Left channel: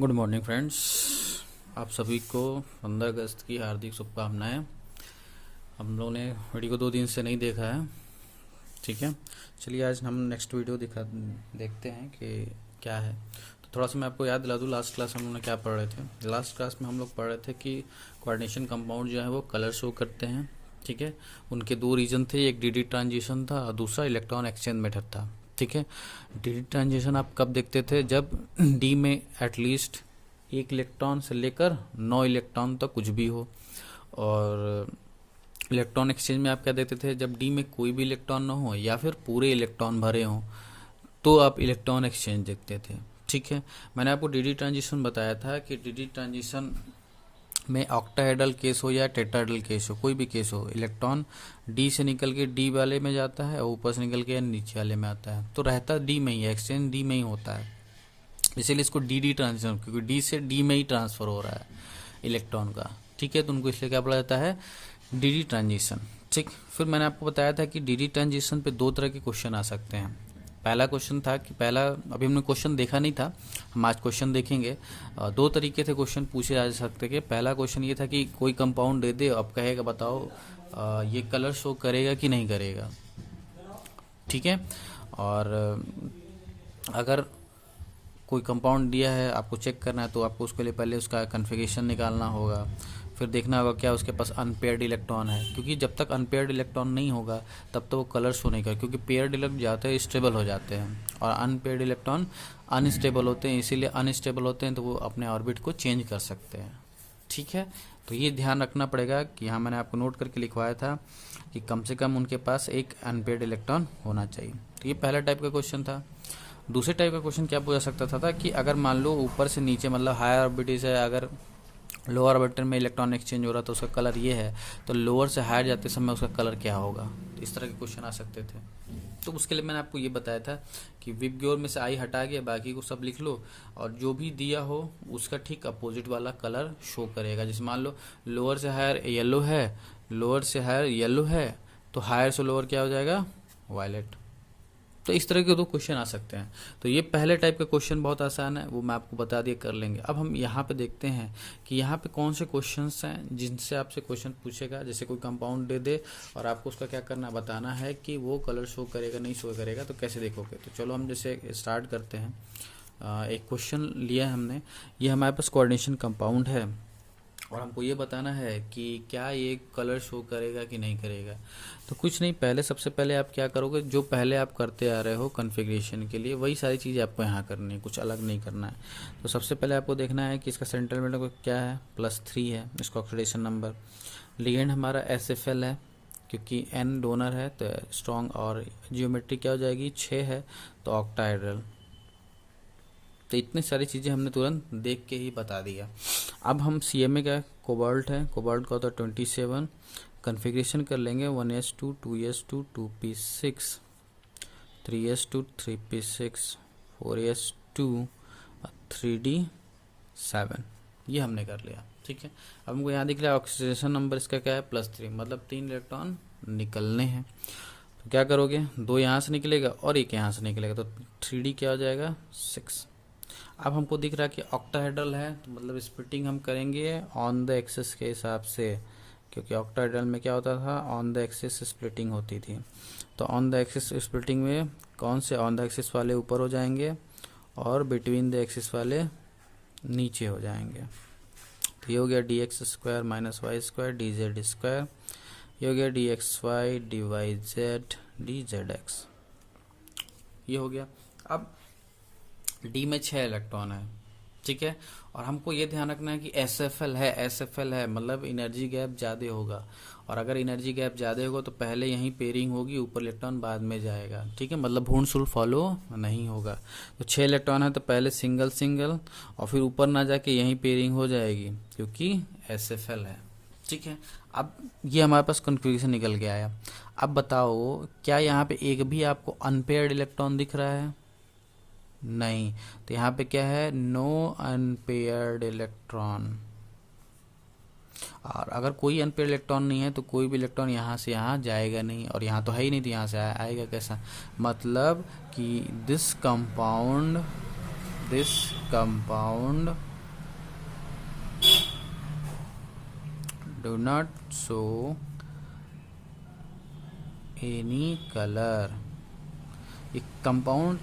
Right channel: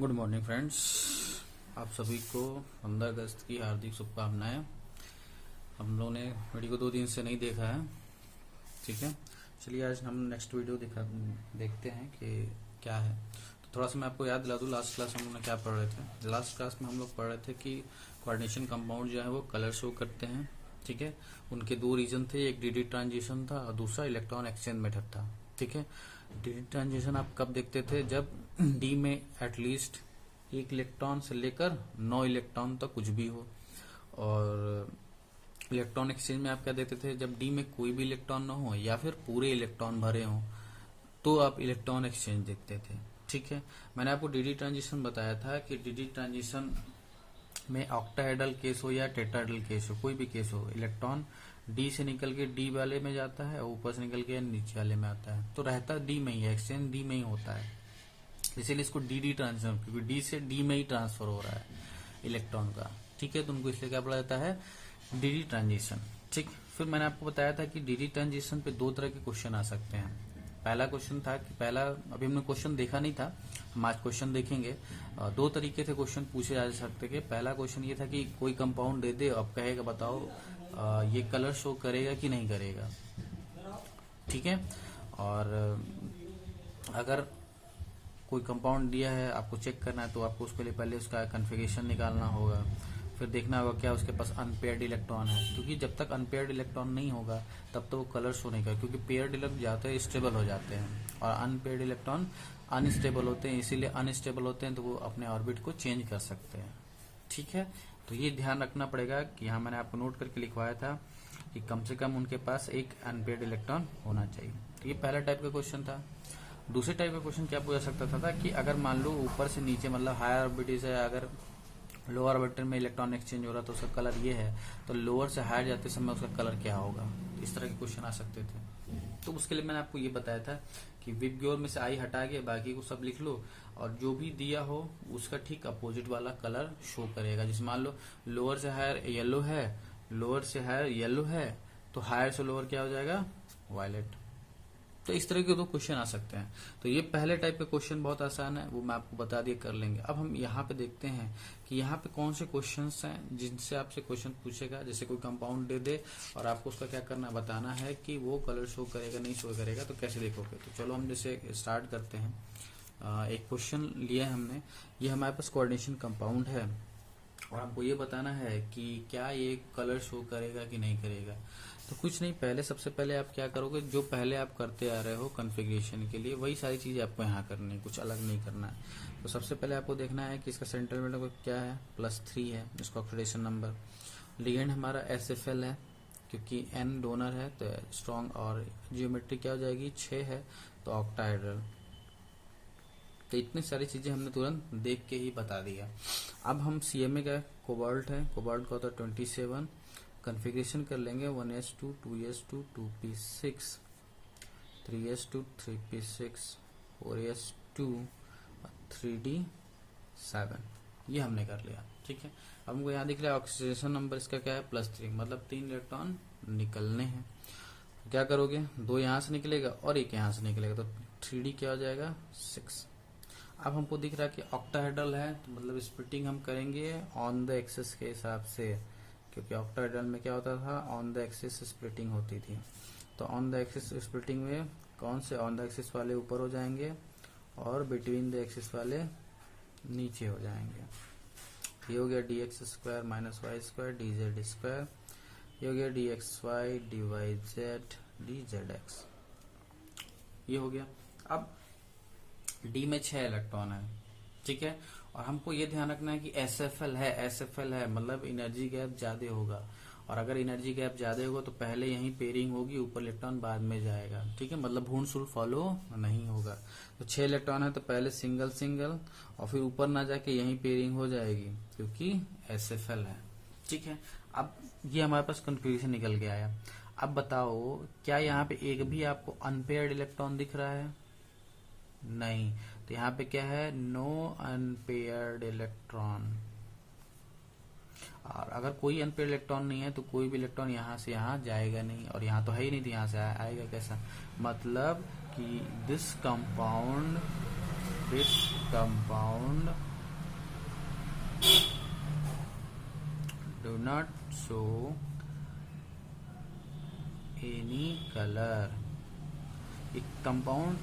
Good morning friends. आप सभी को 15 अगस्त की हार्दिक शुभकामनाएं। हम लोगों ने वीडियो को 2 दिन से नहीं देखा है, ठीक है। चलिए आज हम नेक्स्ट वीडियो देखते हैं कि क्या है। तो थोड़ा सा मैं आपको याद दिला दूँ, लास्ट क्लास हम लोग ने क्या पढ़ रहे थे। लास्ट क्लास में हम लोग पढ़ रहे थे कि कोऑर्डिनेशन कंपाउंड जो है वो कलर शो करते हैं, ठीक है। उनके 2 रीजन थे, एक डीडी ट्रांजिशन था और दूसरा इलेक्ट्रॉन एक्सचेंज मेथड था, ठीक है। डीडी ट्रांजिशन आप कब देखते थे? जब डी में एटलीस्ट 1 इलेक्ट्रॉन से लेकर 9 इलेक्ट्रॉन तक कुछ भी हो, और इलेक्ट्रॉन एक्सचेंज में आप क्या देखते थे? जब डी में कोई भी इलेक्ट्रॉन ना हो या फिर पूरे इलेक्ट्रॉन भरे हों तो आप इलेक्ट्रॉन एक्सचेंज देखते थे, ठीक है। मैंने आपको डीडी ट्रांजिशन बताया था कि डीडी ट्रांजिशन में ऑक्टाहेड्रल केस हो या टेट्राहेड्रल केस हो, कोई भी केस हो, इलेक्ट्रॉन डी से निकल के डी वाले में जाता है और ऊपर से निकल के नीचे वाले में आता है, तो रहता डी में ही है, एक्सचेंज डी में ही होता है। इसीलिए इसको डी ट्रांजिशन, क्योंकि डी से डी में ही ट्रांसफर हो रहा है इलेक्ट्रॉन का, ठीक है। तो उनको इसलिए क्या बोला जाता है? डी ट्रांजिशन, ठीक। फिर मैंने आपको बताया था कि डी ट्रांजिशन पे 2 तरह के क्वेश्चन आ सकते हैं। पहला क्वेश्चन था कि अभी हमने क्वेश्चन देखा नहीं था, हम आज क्वेश्चन देखेंगे। 2 तरीके थे क्वेश्चन पूछे जा सकते थे। पहला क्वेश्चन ये था कि कोई कंपाउंड दे दे, अब कहेगा बताओ ये कलर शो करेगा कि नहीं करेगा, ठीक है। और अगर कोई कंपाउंड दिया है, आपको चेक करना है, तो आपको उसके लिए पहले उसका कन्फिगरेशन निकालना होगा, फिर देखना होगा क्या उसके पास अनपेयर्ड इलेक्ट्रॉन है, क्योंकि जब तक अनपेयर्ड इलेक्ट्रॉन नहीं होगा तब तो वो कलर शो नहीं करेगा, क्योंकि पेयर्ड इलेक्ट्रॉन ज़्यादातर स्टेबल हो जाते हैं और अनपेयर्ड इलेक्ट्रॉन अनस्टेबल होते हैं। इसीलिए अनस्टेबल होते हैं तो वो अपने ऑर्बिट को चेंज कर सकते हैं, ठीक है। तो ये ध्यान रखना पड़ेगा कि यहाँ मैंने आपको नोट करके लिखवाया था कि कम से कम उनके पास एक अनपेयर्ड इलेक्ट्रॉन होना चाहिए। तो ये पहला टाइप का क्वेश्चन था। दूसरे टाइप का क्वेश्चन क्या पूछा सकता था कि अगर मान लो ऊपर से नीचे, मतलब हायर ऑर्बिट से अगर लोअर ऑर्बिटर में इलेक्ट्रॉन एक्सचेंज हो रहा तो उसका कलर ये है, तो लोअर से हायर जाते समय उसका कलर क्या होगा। तो इस तरह के क्वेश्चन आ सकते थे। तो उसके लिए मैंने आपको ये बताया था कि विबग्योर में से आई हटा के बाकी को सब लिख लो, और जो भी दिया हो उसका ठीक अपोजिट वाला कलर शो करेगा। जैसे मान लो लोअर से हायर येलो है, लोअर से हायर येलो है, तो हायर से लोअर क्या हो जाएगा? वायलेट। तो इस तरह के 2 क्वेश्चन आ सकते हैं। तो ये पहले टाइप का क्वेश्चन बहुत आसान है, वो मैं आपको बता दिए, कर लेंगे। अब हम यहाँ पे देखते हैं कि यहाँ पे कौन से क्वेश्चंस हैं जिनसे आपसे क्वेश्चन पूछेगा। जैसे कोई कंपाउंड दे दे और आपको उसका क्या करना, बताना है कि वो कलर शो करेगा नहीं शो करेगा, तो कैसे देखोगे। तो चलो हम जैसे स्टार्ट करते हैं। एक क्वेश्चन लिया है हमने, ये हमारे पास कोऑर्डिनेशन कंपाउंड है और हमको ये बताना है कि क्या ये कलर शो करेगा कि नहीं करेगा। तो कुछ नहीं, पहले सबसे पहले आप क्या करोगे, जो पहले आप करते आ रहे हो कॉन्फ़िगरेशन के लिए वही सारी चीज़ें आपको यहाँ करनी है, कुछ अलग नहीं करना है। तो सबसे पहले आपको देखना है कि इसका सेंट्रल मेटल क्या है, +3 है इसका ऑक्सीडेशन नंबर। लिगेंड हमारा SFL है, क्योंकि N डोनर है तो स्ट्रॉन्ग, और जियोमेट्री क्या हो जाएगी, 6 है तो ऑक्टाहेड्रल। तो इतनी सारी चीज़ें हमने तुरंत देख के ही बता दिया। अब हम CMA का कोबाल्ट है, कोबाल्ट का होता है 27। कन्फिग्रेशन कर लेंगे 1s2 2s2 2p6 3s2 3p6 4s2 3d7। ये हमने कर लिया, ठीक है। अब हमको यहाँ दिख रहा है ऑक्सीडेशन नंबर इसका क्या है, +3, मतलब 3 इलेक्ट्रॉन निकलने हैं। तो क्या करोगे, 2 यहाँ से निकलेगा और 1 यहाँ से निकलेगा, तो 3d क्या हो जाएगा, 6। अब हमको दिख रहा है कि ऑक्टाहेड्रल है, तो मतलब स्प्लिटिंग हम करेंगे ऑन द एक्सिस के हिसाब से, क्योंकि ऑक्टाहेड्रल में क्या होता था, ऑन द एक्सिस स्प्लिटिंग होती थी। तो ऑन द एक्सिस स्प्लिटिंग में कौन से ऑन द एक्सिस वाले ऊपर हो जाएंगे और बिटवीन द एक्सिस वाले नीचे हो जाएंगे। तो ये हो गया dx² -y² dz², ये हो गया dxy dyz dzx, ये हो गया। अब डी में 6 इलेक्ट्रॉन है, ठीक है। और हमको ये ध्यान रखना है कि SFL है, मतलब एनर्जी गैप ज़्यादा होगा, और अगर एनर्जी गैप ज़्यादा होगा तो पहले यहीं पेयरिंग होगी, ऊपर इलेक्ट्रॉन बाद में जाएगा, ठीक है। मतलब भूर्ण शुल्क फॉलो नहीं होगा। तो 6 इलेक्ट्रॉन है तो पहले सिंगल और फिर ऊपर ना जाके यहीं पेयरिंग हो जाएगी, क्योंकि SFL है, ठीक है। अब ये हमारे पास कन्फ्यूजन निकल गया है। अब बताओ क्या यहाँ पे एक भी आपको अनपेयर्ड इलेक्ट्रॉन दिख रहा है? नहीं। तो यहाँ पे क्या है, नो अनपेयर्ड इलेक्ट्रॉन। और अगर कोई अनपेयर्ड इलेक्ट्रॉन नहीं है तो कोई भी इलेक्ट्रॉन यहाँ से यहाँ जाएगा नहीं, और यहाँ तो है ही नहीं तो यहाँ से आएगा कैसा। मतलब कि this compound this compound do not show any color। एक कंपाउंड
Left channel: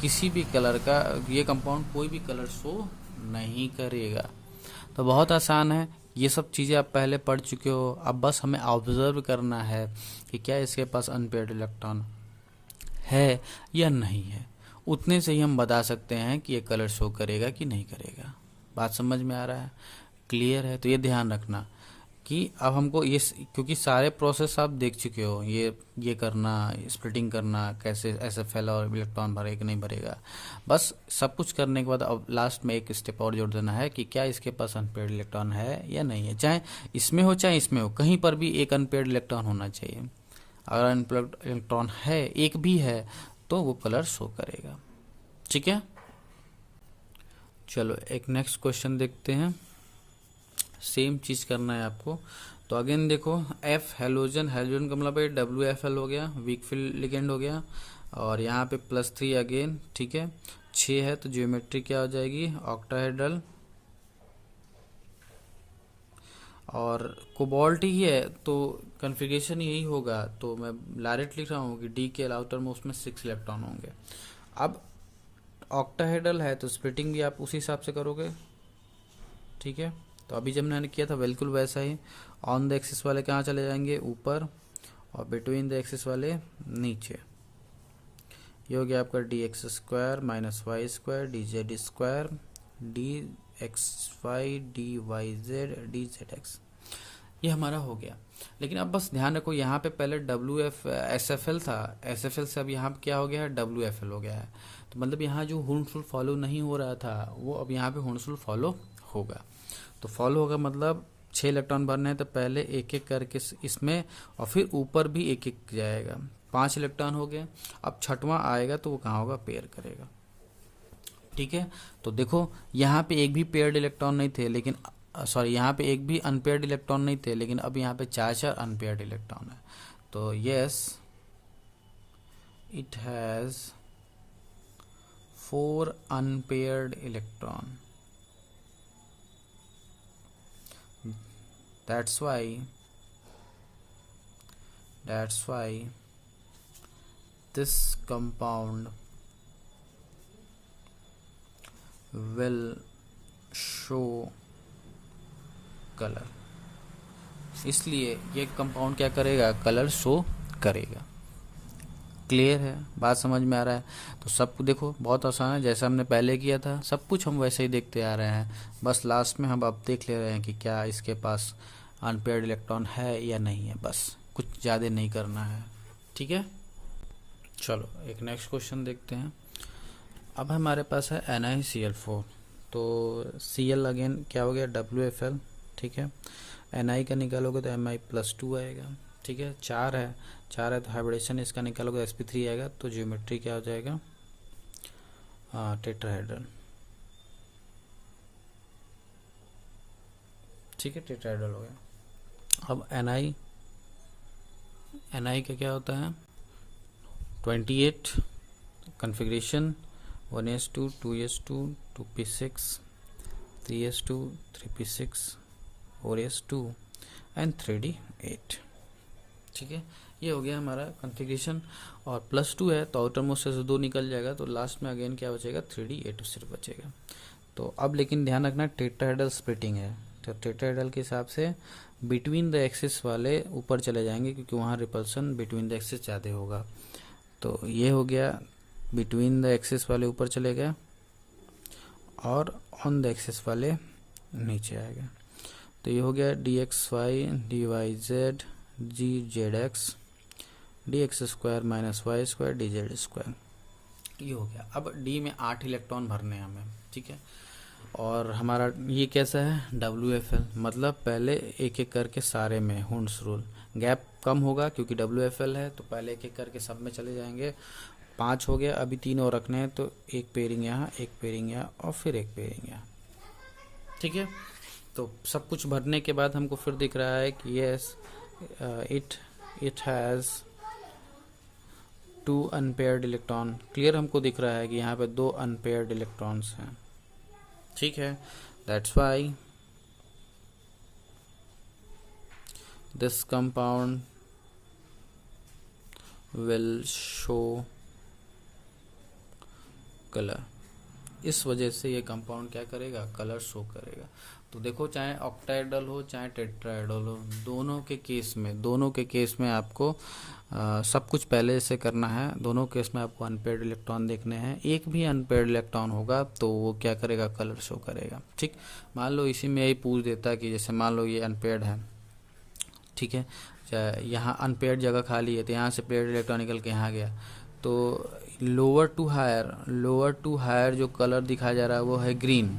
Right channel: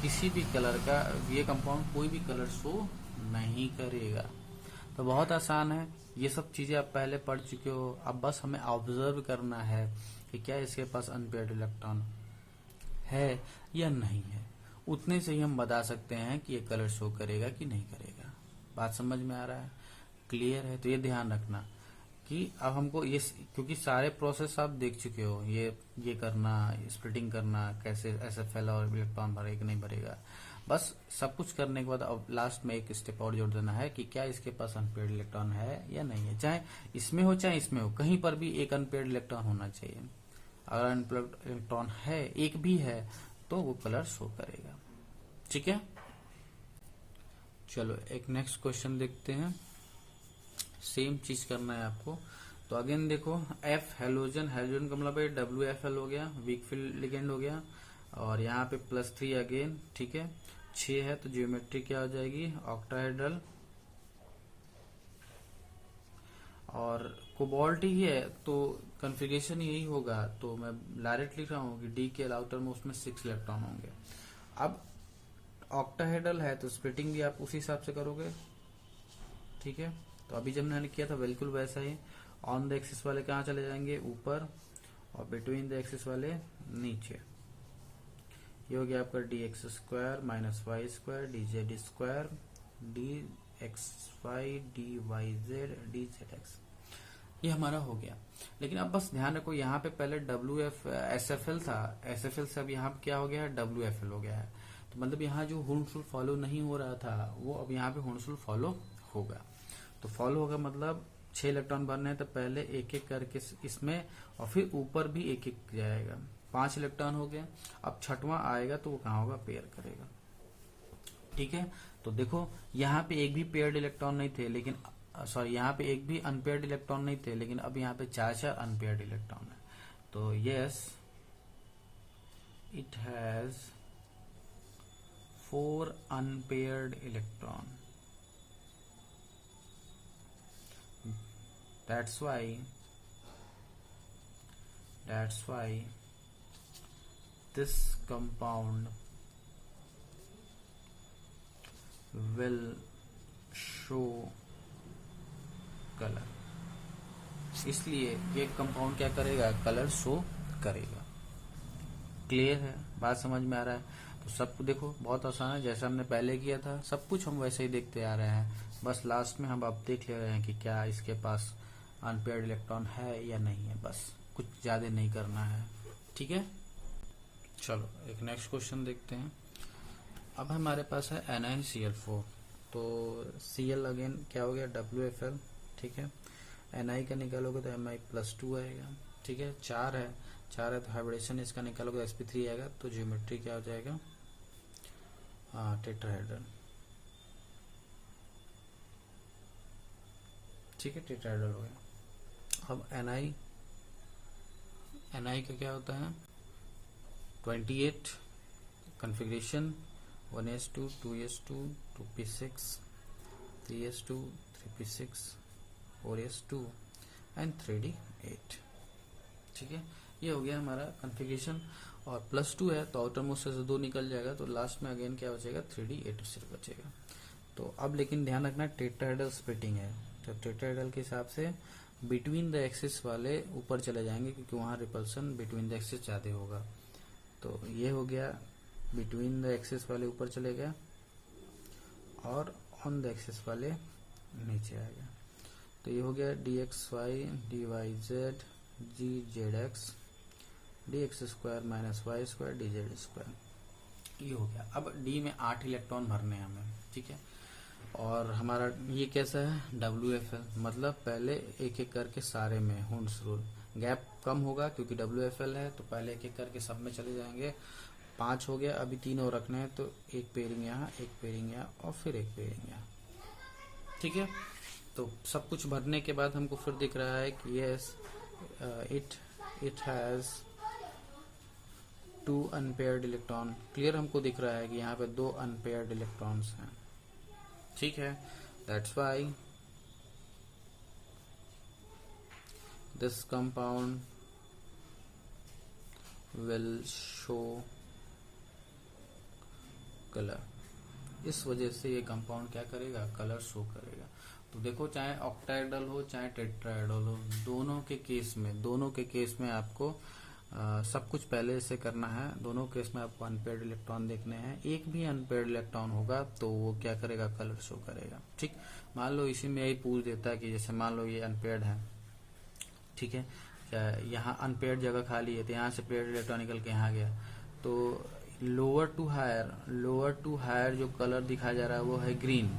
किसी भी कलर का, ये कंपाउंड कोई भी कलर शो नहीं करेगा। तो बहुत आसान है, ये सब चीज़ें आप पहले पढ़ चुके हो। अब बस हमें ऑब्जर्व करना है कि क्या इसके पास अनपेयर्ड इलेक्ट्रॉन है या नहीं है। उतने से ही हम बता सकते हैं कि ये कलर शो करेगा कि नहीं करेगा। बात समझ में आ रहा है, क्लियर है? तो ये ध्यान रखना कि अब हमको ये, क्योंकि सारे प्रोसेस आप देख चुके हो, ये करना, स्प्लिटिंग करना, कैसे SFL और इलेक्ट्रॉन भरेगा कि नहीं भरेगा। बस सब कुछ करने के बाद अब लास्ट में एक स्टेप और जोड़ देना है कि क्या इसके पास अनपेयर्ड इलेक्ट्रॉन है या नहीं है। चाहे इसमें हो चाहे इसमें हो, कहीं पर भी एक अनपेयर्ड इलेक्ट्रॉन होना चाहिए। अगर अनपेयर्ड इलेक्ट्रॉन है, एक भी है, तो वो कलर शो करेगा। ठीक है, चलो एक नेक्स्ट क्वेश्चन देखते हैं। सेम चीज करना है आपको। तो अगेन देखो, F हेलोजन, हेलोजन का मतलब WFL हो गया, वीक फील्ड लिगेंड हो गया, और यहाँ पे +3 अगेन, ठीक है। 6 है तो ज्योमेट्री क्या हो जाएगी, ऑक्टाहेड्रल, और कोबाल्ट ही है तो कॉन्फ़िगरेशन यही होगा। तो मैं डायरेक्ट लिख रहा हूँ कि D के आउटर मोस्ट में 6 इलेक्ट्रॉन होंगे। अब ऑक्टाहेड्रल है तो स्प्लिटिंग भी आप उसी हिसाब से करोगे, ठीक है। तो अभी जब मैंने किया था बिल्कुल वैसा ही, ऑन द एक्सिस वाले कहाँ चले जाएंगे, ऊपर, और बिटवीन द एक्सिस वाले नीचे। ये हो गया आपका dx² - y² dz² dxy dyz dzx, ये हमारा हो गया। लेकिन अब बस ध्यान रखो, यहाँ पे पहले SFL था, SFL से अब यहाँ पे क्या हो गया है, WFL हो गया है। तो मतलब यहाँ जो हुंसफुल फॉलो नहीं हो रहा था, वो अब यहाँ पे हुंसफुल फॉलो होगा। तो फॉलो होगा मतलब 6 इलेक्ट्रॉन भरने हैं, तो पहले एक एक करके इसमें, और फिर ऊपर भी एक एक जाएगा। 5 इलेक्ट्रॉन हो गए। अब छठवां आएगा तो वो कहाँ होगा, पेयर करेगा, ठीक है। तो देखो यहाँ पे एक भी पेयर्ड इलेक्ट्रॉन नहीं थे, लेकिन सॉरी, यहाँ पे एक भी अनपेयर्ड इलेक्ट्रॉन नहीं थे, लेकिन अब यहाँ पे 4 अनपेयर्ड इलेक्ट्रॉन है। तो yes, it has 4 unpaired electron. That's why this compound will show color। इसलिए ये कंपाउंड क्या करेगा, कलर शो करेगा। क्लियर है, बात समझ में आ रहा है? तो सब देखो बहुत आसान है, जैसा हमने पहले किया था सब कुछ हम वैसे ही देखते आ रहे हैं। बस लास्ट में हम अब देख ले रहे हैं कि क्या इसके पास अनपेयर्ड इलेक्ट्रॉन है या नहीं है, बस कुछ ज़्यादा नहीं करना है, ठीक है। चलो एक नेक्स्ट क्वेश्चन देखते हैं। अब हमारे पास है NiCl4। तो Cl अगेन क्या हो गया, WFL, ठीक है। Ni का निकालोगे तो Mi+2 आएगा, ठीक है। 4 है तो हाइब्रिडेशन इसका निकालोगे sp3 आएगा। तो ज्योमेट्री क्या हो जाएगा, टेट्राहेड्रल, ठीक है, टेट्राहेड्रल हो गया। अब Ni का क्या होता है, 28 configuration, 1s2 2s2 2p6 3s2 3p6 4s2 and 3d8, ठीक है। ये हो गया हमारा कॉन्फ़िगरेशन। और +2 है तो आउटर मोस्ट से 2 निकल जाएगा, तो लास्ट में अगेन क्या बचेगा, 3d8 सिर्फ बचेगा। तो अब लेकिन ध्यान रखना, टेट्राहेड्रल स्प्लिटिंग है, तो टेट्राहेड्रल के हिसाब से बिटवीन द एक्सिस वाले ऊपर चले जाएंगे, क्योंकि वहाँ रिपल्सन बिटवीन द एक्सिस ज़्यादा होगा। तो ये हो गया, बिटवीन द एक्सिस वाले ऊपर चले गए, और ऑन द एक्सिस वाले नीचे आएगा। तो ये हो गया dxy dyz gzx dx² - y² dz², ये हो गया। अब D में 8 इलेक्ट्रॉन भरने हैं हमें, ठीक है। और हमारा ये कैसा है, WFL, मतलब पहले एक एक करके सारे में हुंस रूल, गैप कम होगा क्योंकि WFL है, तो पहले एक एक करके सब में चले जाएंगे। 5 हो गया, अभी 3 और रखने हैं, तो एक पेयरिंग यहाँ, एक पेयरिंग यहाँ, और फिर एक पेयरिंग यहाँ, ठीक है। तो सब कुछ भरने के बाद हमको फिर दिख रहा है कि yes, it has two unpaired electron, clear हमको दिख रहा है कि यहाँ पे 2 अनपेयर्ड इलेक्ट्रॉन्स हैं, ठीक है। That's why this compound will show colour, इस वजह से ये कंपाउंड क्या करेगा, कलर शो करेगा। तो देखो चाहे ऑक्टाहेड्रल हो चाहे टेट्राहेड्रल हो, दोनों के केस में आपको सब कुछ पहले से करना है। दोनों केस में आपको अनपेयर्ड इलेक्ट्रॉन देखने हैं। एक भी अनपेयर्ड इलेक्ट्रॉन होगा तो वो क्या करेगा, कलर शो करेगा, ठीक। मान लो इसी में यही पूछ देता कि जैसे मान लो ये अनपेयर्ड है, ठीक है, यहाँ अनपेयर्ड जगह खाली है तो यहाँ से पेयर्ड इलेक्ट्रॉन निकल के यहाँ गया, तो लोअर टू हायर जो कलर दिखाया जा रहा है वो है ग्रीन।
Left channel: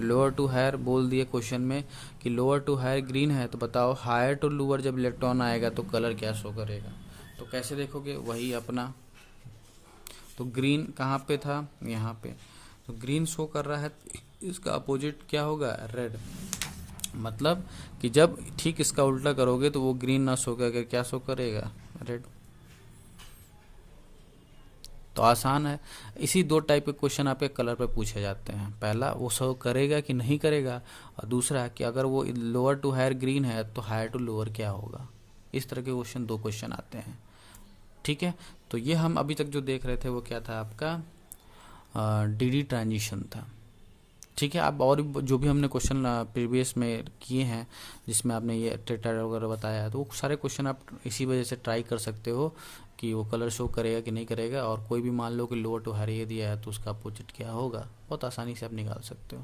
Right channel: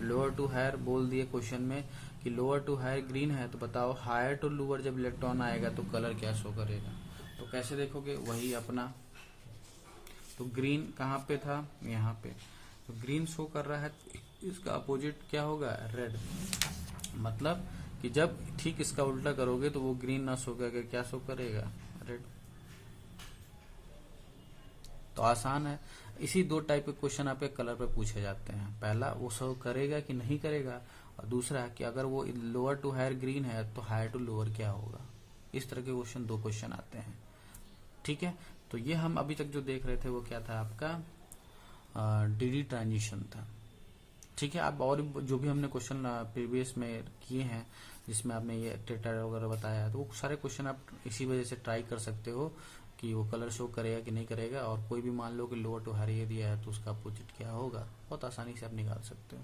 लोअर टू हायर बोल दिए क्वेश्चन में कि लोअर टू हायर ग्रीन है, तो बताओ हायर टू लोअर जब इलेक्ट्रॉन आएगा तो कलर क्या शो करेगा। तो कैसे देखोगे, वही अपना, तो ग्रीन कहाँ पे था, यहाँ पे, तो ग्रीन शो कर रहा है, इसका अपोजिट क्या होगा, रेड। मतलब कि जब ठीक इसका उल्टा करोगे तो वो ग्रीन ना शो करके क्या शो करेगा, रेड। तो आसान है। इसी 2 टाइप के क्वेश्चन आपके कलर पे पूछे जाते हैं। पहला वो शो करेगा कि नहीं करेगा, और दूसरा कि अगर वो लोअर टू हायर ग्रीन है तो हायर टू लोअर क्या होगा। इस तरह के 2 क्वेश्चन आते हैं, ठीक है। तो ये हम अभी तक जो देख रहे थे वो क्या था, आपका डीडी ट्रांजिशन था, ठीक है। अब और जो भी हमने क्वेश्चन प्रीवियस में किए हैं जिसमें आपने ये टेट्राहेड्रल वगैरह बताया है, तो वो सारे क्वेश्चन आप इसी वजह से ट्राई कर सकते हो कि वो कलर शो करेगा कि नहीं करेगा। और कोई भी मान लो कि लोअर टू हायर ये दिया है तो उसका अपोजिट क्या होगा, बहुत आसानी से आप निकाल सकते हो।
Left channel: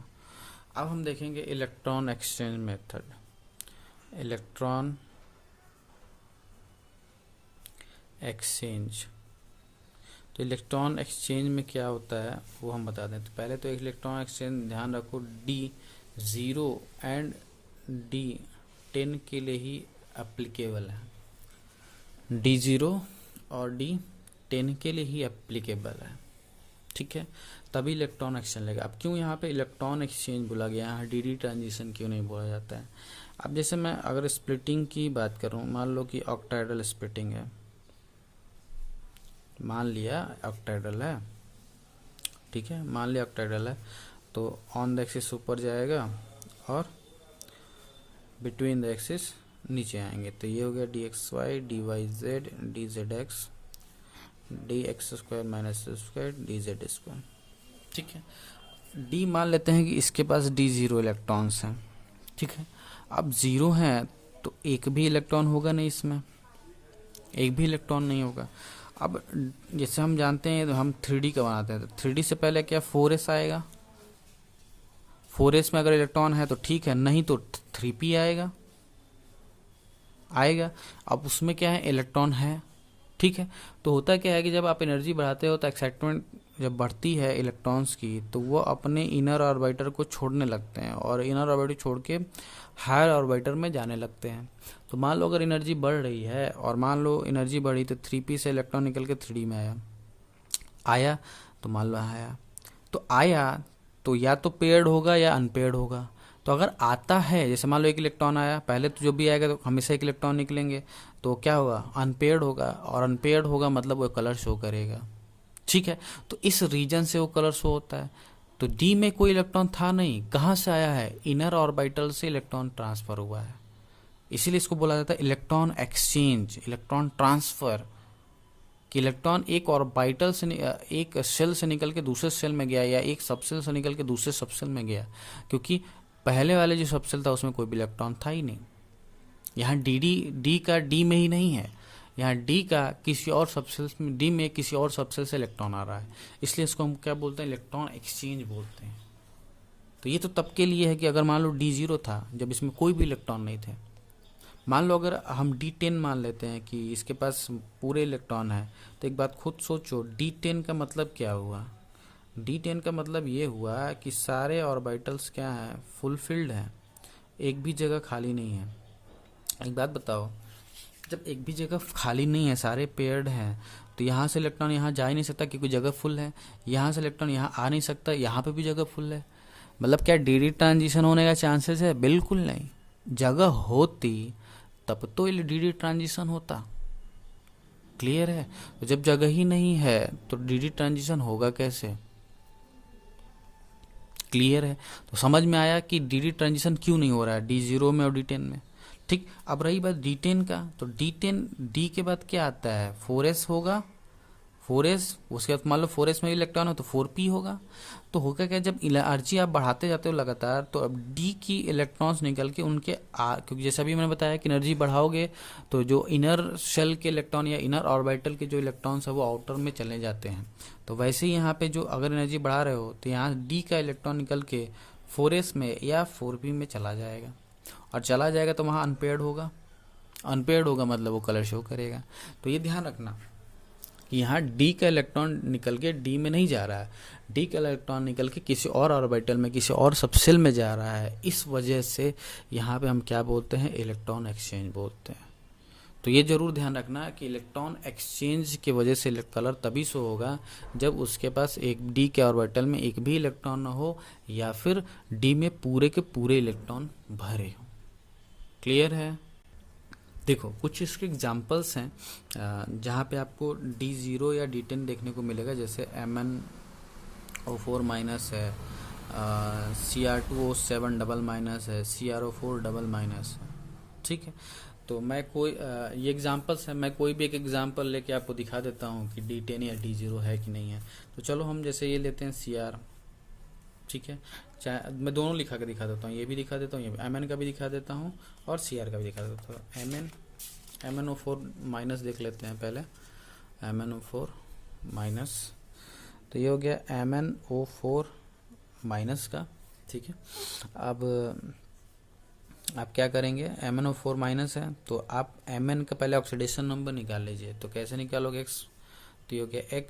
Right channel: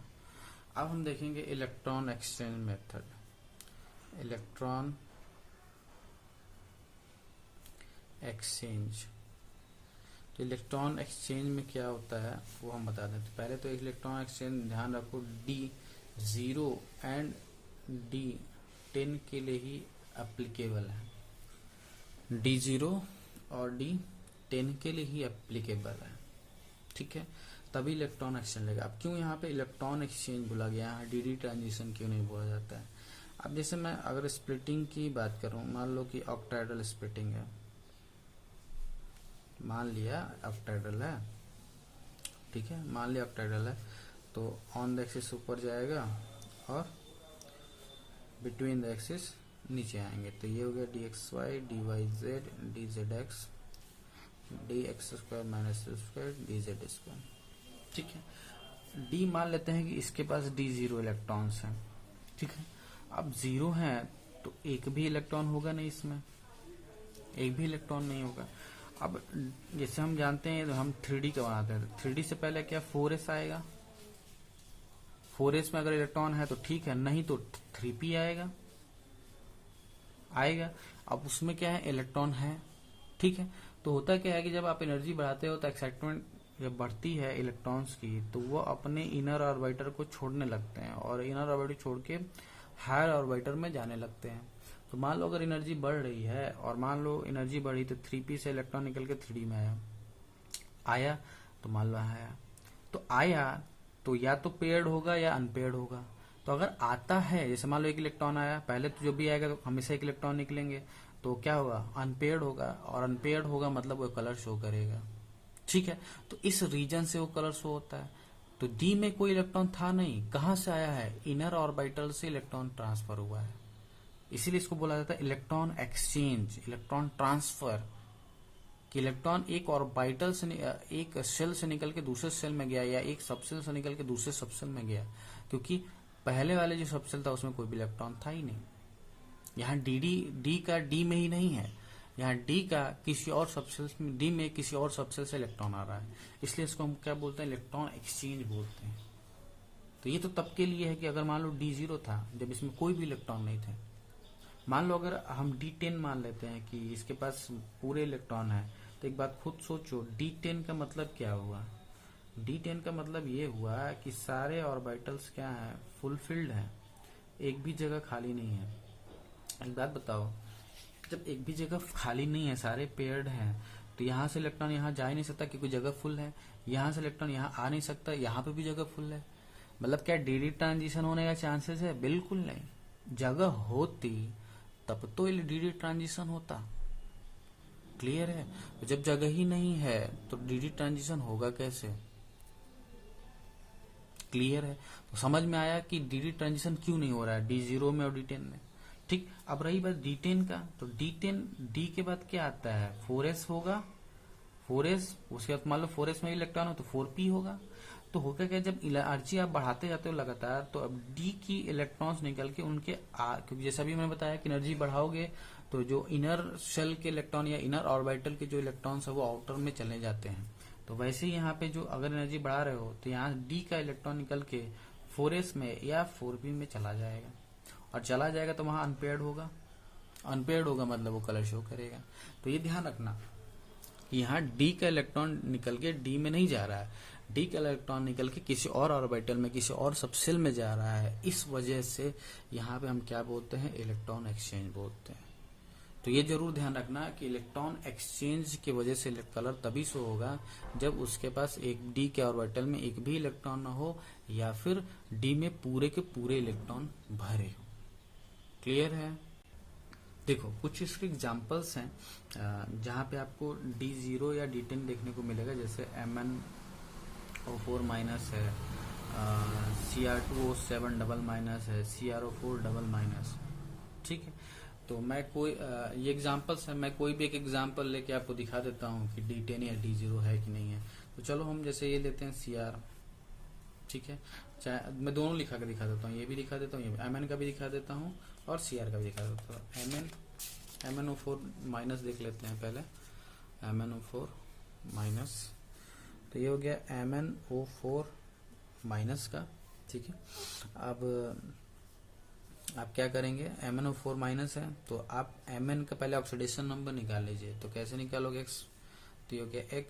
अब हम देखेंगे electron exchange method. Electron exchange, तो इलेक्ट्रॉन एक्सचेंज में क्या होता है वो हम बता दें। तो पहले तो इलेक्ट्रॉन एक्सचेंज ध्यान रखो, D0 एंड D10 के लिए ही एप्लीकेबल है। D0 और D10 के लिए ही एप्लीकेबल है, ठीक है, तभी इलेक्ट्रॉन एक्सचेंज लेगा। अब क्यों यहाँ पे इलेक्ट्रॉन एक्सचेंज बोला गया है, डीडी ट्रांजिशन क्यों नहीं बोला जाता है। अब जैसे मैं अगर स्प्लिटिंग की बात करूँ, मान लो कि ऑक्टाहेड्रल स्प्लिटिंग है, मान लिया ऑक्टाहेड्रल है, ठीक है, मान लिया ऑक्टाहेड्रल है, तो ऑन द एक्सिस ऊपर जाएगा और बिटवीन द एक्सिस नीचे आएंगे। तो ये हो गया dxy dyz dzx dx² minus square dz square, ठीक है। डी मान लेते हैं कि इसके पास D0 इलेक्ट्रॉन्स हैं, ठीक है। अब 0 है तो एक भी इलेक्ट्रॉन होगा नहीं, इसमें एक भी इलेक्ट्रॉन नहीं होगा। अब जैसे हम जानते हैं तो हम 3D का बनाते हैं, तो 3D से पहले क्या 4s आएगा, 4s में अगर इलेक्ट्रॉन है तो ठीक है, नहीं तो 3p आएगा। अब उसमें क्या है, इलेक्ट्रॉन है, ठीक है। तो होता क्या है कि जब आप एनर्जी बढ़ाते हो तो एक्साइटमेंट जब बढ़ती है इलेक्ट्रॉन्स की, तो वो अपने इनर ऑर्बिटर को छोड़ने लगते हैं और इनर ऑर्बिटर छोड़ के हायर ऑर्बिटर में जाने लगते हैं। तो मान लो अगर एनर्जी बढ़ रही है और मान लो एनर्जी बढ़ी तो 3p से इलेक्ट्रॉन निकल के 3d में आया, तो मान लो आया तो या तो पेयर्ड होगा या अनपेयर्ड होगा। तो अगर आता है, जैसे मान लो एक इलेक्ट्रॉन आया, पहले तो जो भी आएगा तो हमेशा एक इलेक्ट्रॉन निकलेंगे, तो क्या होगा, अनपेयर्ड होगा, और अनपेयर्ड होगा मतलब वो कलर शो करेगा, ठीक है। तो इस रीजन से वो कलर शो होता है। तो डी में कोई इलेक्ट्रॉन था नहीं, कहाँ से आया है, इनर ऑर्बिटल से इलेक्ट्रॉन ट्रांसफर हुआ है, इसीलिए इसको बोला जाता है इलेक्ट्रॉन एक्सचेंज, इलेक्ट्रॉन ट्रांसफर। कि इलेक्ट्रॉन एक ऑर्बिटल से, एक सेल से निकल के दूसरे सेल में गया या एक सबसेल से निकल के दूसरे सबसेल में गया, क्योंकि पहले वाले जो सबसेल था उसमें कोई भी इलेक्ट्रॉन था ही नहीं। यहाँ डी का डी में ही नहीं है, यहाँ डी का किसी और सबसेल में, डी में किसी और सबसेल से इलेक्ट्रॉन आ रहा है, इसलिए इसको हम क्या बोलते हैं, इलेक्ट्रॉन एक्सचेंज बोलते हैं। तो ये तो तब के लिए है कि अगर मान लो D0 था जब इसमें कोई भी इलेक्ट्रॉन नहीं थे। मान लो अगर हम D10 मान लेते हैं कि इसके पास पूरे इलेक्ट्रॉन है, तो एक बात खुद सोचो, D10 का मतलब क्या हुआ। D10 का मतलब ये हुआ कि सारे ऑर्बिटल्स क्या हैं, फुलफिल्ड हैं, एक भी जगह खाली नहीं है। एक बात बताओ, जब एक भी जगह खाली नहीं है, सारे पेयर्ड हैं, तो यहाँ से इलेक्ट्रॉन यहाँ जा ही नहीं सकता क्योंकि जगह फुल है, यहाँ से इलेक्ट्रॉन यहाँ आ नहीं सकता, यहाँ पे भी जगह फुल है। मतलब क्या डी ट्रांजिशन होने का चांसेस है, बिल्कुल नहीं। जगह होती तब तो डी ट्रांजिशन होता, क्लियर है? तो जब जगह ही नहीं है तो डी ट्रांजिशन होगा कैसे? क्लियर है? तो समझ में आया कि डी ट्रांजिशन क्यों नहीं हो रहा है D0 में और D10 में। ठीक, अब रही बात D10 का, तो D10 D के बाद क्या आता है? 4s होगा, 4s, उसके बाद मान लो 4s में इलेक्ट्रॉन हो तो 4p होगा। तो होगा क्या, जब एनर्जी आप बढ़ाते जाते हो लगातार, तो अब D की इलेक्ट्रॉन्स निकल के उनके क्योंकि जैसा भी मैंने बताया कि एनर्जी बढ़ाओगे तो जो इनर शेल के इलेक्ट्रॉन या इनर ऑर्बिटल के जो इलेक्ट्रॉन्स है वो आउटर में चले जाते हैं। तो वैसे ही यहाँ पे जो अगर एनर्जी बढ़ा रहे हो तो यहाँ D का इलेक्ट्रॉन निकल के 4s में या 4p में चला जाएगा, और चला जाएगा तो वहाँ अनपेयर्ड होगा। अनपेयर्ड होगा मतलब वो कलर शो करेगा। तो ये ध्यान रखना कि यहाँ D का इलेक्ट्रॉन निकल के D में नहीं जा रहा है, D का इलेक्ट्रॉन निकल के किसी और ऑर्बिटल में, किसी और सबसेल में जा रहा है। इस वजह से यहाँ पे हम क्या बोलते हैं? इलेक्ट्रॉन एक्सचेंज बोलते हैं। तो ये जरूर ध्यान रखना कि इलेक्ट्रॉन एक्सचेंज की वजह से कलर तभी शो होगा जब उसके पास एक D के ऑर्बिटल में एक भी इलेक्ट्रॉन न हो, या फिर D में पूरे के पूरे इलेक्ट्रॉन भरे हो। क्लियर है? देखो कुछ इसके एग्जांपल्स हैं जहाँ पे आपको D0 या D10 देखने को मिलेगा, जैसे MnO4 माइनस है, Cr2O7 डबल माइनस है, CrO4 डबल माइनस है। ठीक है, तो मैं कोई ये एग्जांपल्स है, मैं कोई भी एक एग्जांपल लेके आपको दिखा देता हूँ कि D10 या D0 है कि नहीं है। तो चलो हम जैसे ये लेते हैं Cr, ठीक है, चाहे मैं दोनों लिखा के दिखा देता हूँ, ये भी दिखा देता हूँ, ये Mn का भी दिखा देता हूँ और Cr का भी दिखा देता हूँ। MnO4 माइनस देख लेते हैं पहले, MnO4 माइनस, तो ये हो गया MnO4 माइनस का। ठीक है, अब आप क्या करेंगे? MnO4 माइनस है तो आप Mn का पहले ऑक्सीडेशन नंबर निकाल लीजिए। तो कैसे निकालोगे? x, तो ये हो गया x,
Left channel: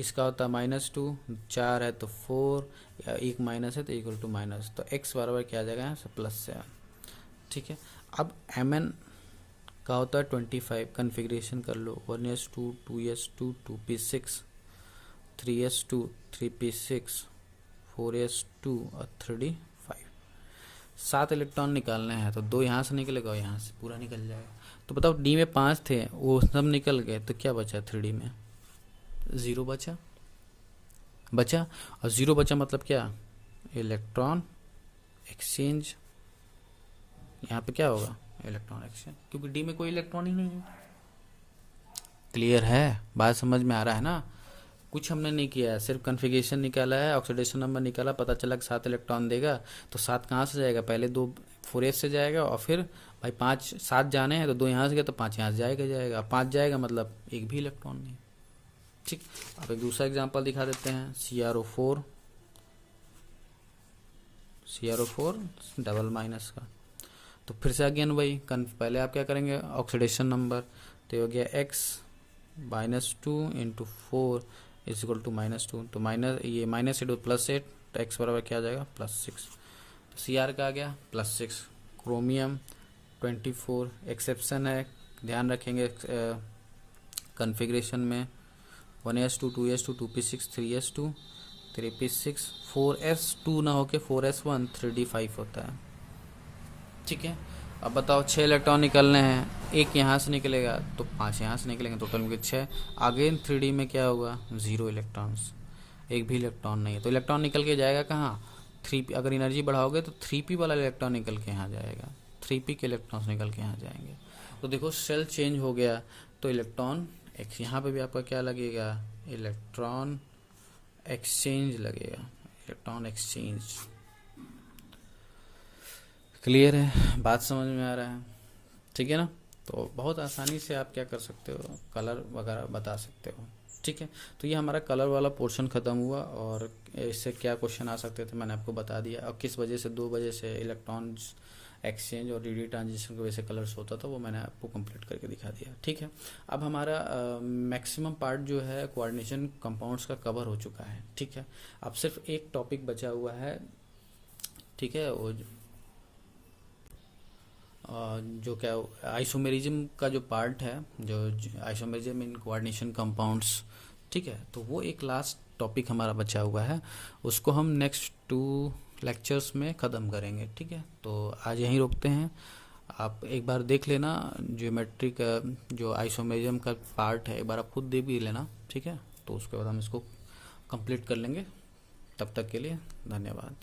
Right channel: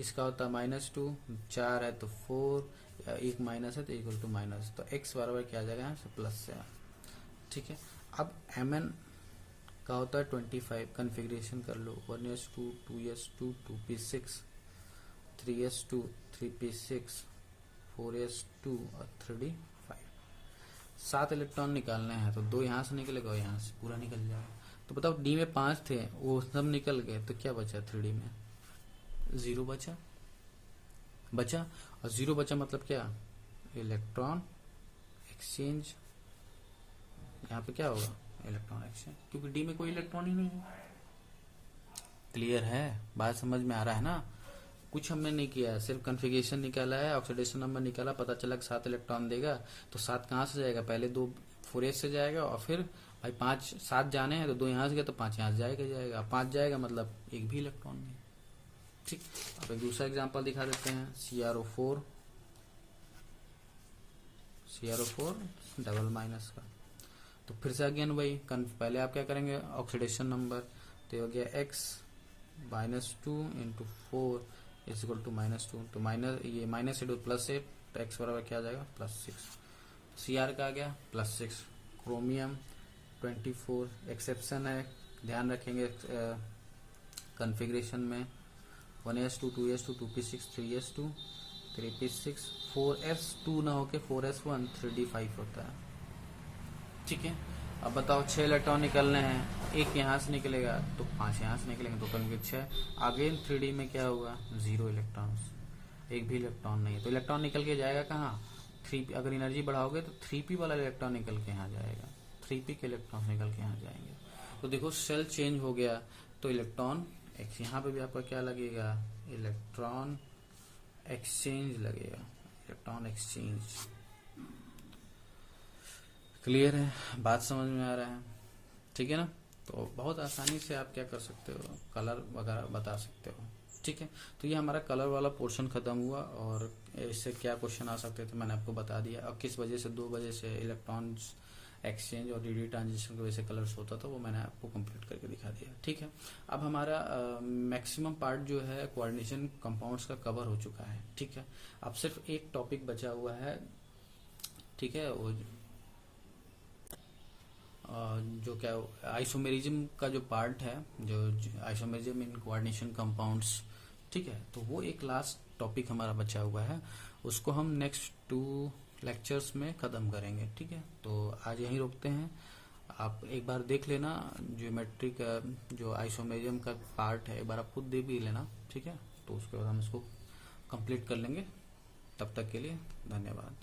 इसका होता है -2, 4 है तो 4, एक माइनस है तो इक्वल टू माइनस, तो x बराबर क्या आ जाएगा? यहाँ से प्लस से आ। ठीक है, अब Mn का होता है 25, कन्फिग्रेशन कर लो, 1s2, 2s2, 2p6, 3s2, 3p6, 4s2 और 3d5। 7 इलेक्ट्रॉन निकालने हैं, तो 2 यहाँ से निकलेगा और यहाँ से पूरा निकल जाएगा। तो बताओ D में 5 थे, वो सब निकल गए, तो क्या बचा? 3D में 0 बचा, और 0 बचा मतलब क्या? Electron exchange. यहाँ पे क्या होगा? इलेक्ट्रॉन एक्सचेंज, क्योंकि D में कोई इलेक्ट्रॉन ही नहीं है। क्लियर है? बात समझ में आ रहा है ना? कुछ हमने नहीं किया है, सिर्फ कन्फिगरेशन निकाला है, ऑक्सीडेशन नंबर निकाला, पता चला कि 7 इलेक्ट्रॉन देगा। तो 7 कहाँ से जाएगा? पहले 2 4s से जाएगा, और फिर भाई 5 7 जाने हैं तो 2 यहाँ से गए तो 5 यहाँ से जाएगा, 5 जाएगा मतलब एक भी इलेक्ट्रॉन नहीं। ठीक, अब एक दूसरा एग्जाम्पल दिखा देते हैं, CrO4 डबल माइनस का। तो फिर से अगेन वही पहले आप क्या करेंगे? ऑक्सीडेशन नंबर, तो हो गया x -2 into 4 is equal to -2, तो -8 +8, तो x बराबर क्या आ जाएगा? +6। Cr का आ गया +6। क्रोमियम 24, एक्सेप्शन है, ध्यान रखेंगे कन्फिग्रेशन में, 1s2, 2s2, 2p6, 3s2, 3p6, 4s2 ना होके 4s1, 3d5 होता है। ठीक है, अब बताओ 6 इलेक्ट्रॉन निकलने हैं, एक यहाँ से निकलेगा तो 5 यहाँ से निकलेंगे, टोटल में 6। अगेन 3D में क्या होगा? 0 इलेक्ट्रॉन्स, एक भी इलेक्ट्रॉन नहीं है। तो इलेक्ट्रॉन निकल के जाएगा कहाँ? 3p। अगर एनर्जी बढ़ाओगे तो 3p वाला इलेक्ट्रॉन निकल के यहाँ जाएगा, 3p के इलेक्ट्रॉन्स निकल के यहाँ जाएंगे। तो देखो सेल चेंज हो गया, तो इलेक्ट्रॉन यहाँ पे भी आपका क्या लगेगा? इलेक्ट्रॉन एक्सचेंज लगेगा, इलेक्ट्रॉन एक्सचेंज। क्लियर है? बात समझ में आ रहा है? ठीक है ना? तो बहुत आसानी से आप क्या कर सकते हो? कलर वगैरह बता सकते हो। ठीक है, तो ये हमारा कलर वाला पोर्शन खत्म हुआ, और इससे क्या क्वेश्चन आ सकते थे मैंने आपको बता दिया, और किस वजह से 2 वजह से इलेक्ट्रॉन्स एक्सचेंज और डी ट्रांजिशन की वजह से कलर्स होता था, वो मैंने आपको कंप्लीट करके दिखा दिया। ठीक है, अब हमारा मैक्सिमम पार्ट जो है कोऑर्डिनेशन कंपाउंड्स का कवर हो चुका है। ठीक है, अब सिर्फ एक टॉपिक बचा हुआ है। ठीक है, वो जो क्या आइसोमेरिज्म का जो पार्ट है, जो आइसोमेरिज्म इन कोऑर्डिनेशन कंपाउंड्स। ठीक है, तो वो एक लास्ट टॉपिक हमारा बचा हुआ है, उसको हम नेक्स्ट 2 लेक्चर्स में ख़त्म करेंगे। ठीक है, तो आज यहीं रोकते हैं। आप एक बार देख लेना, ज्योमेट्री का जो आइसोमेरिज्म का पार्ट है एक बार आप खुद देख भी लेना, ठीक है। तो उसके बाद हम इसको कंप्लीट कर लेंगे। तब तक के लिए धन्यवाद।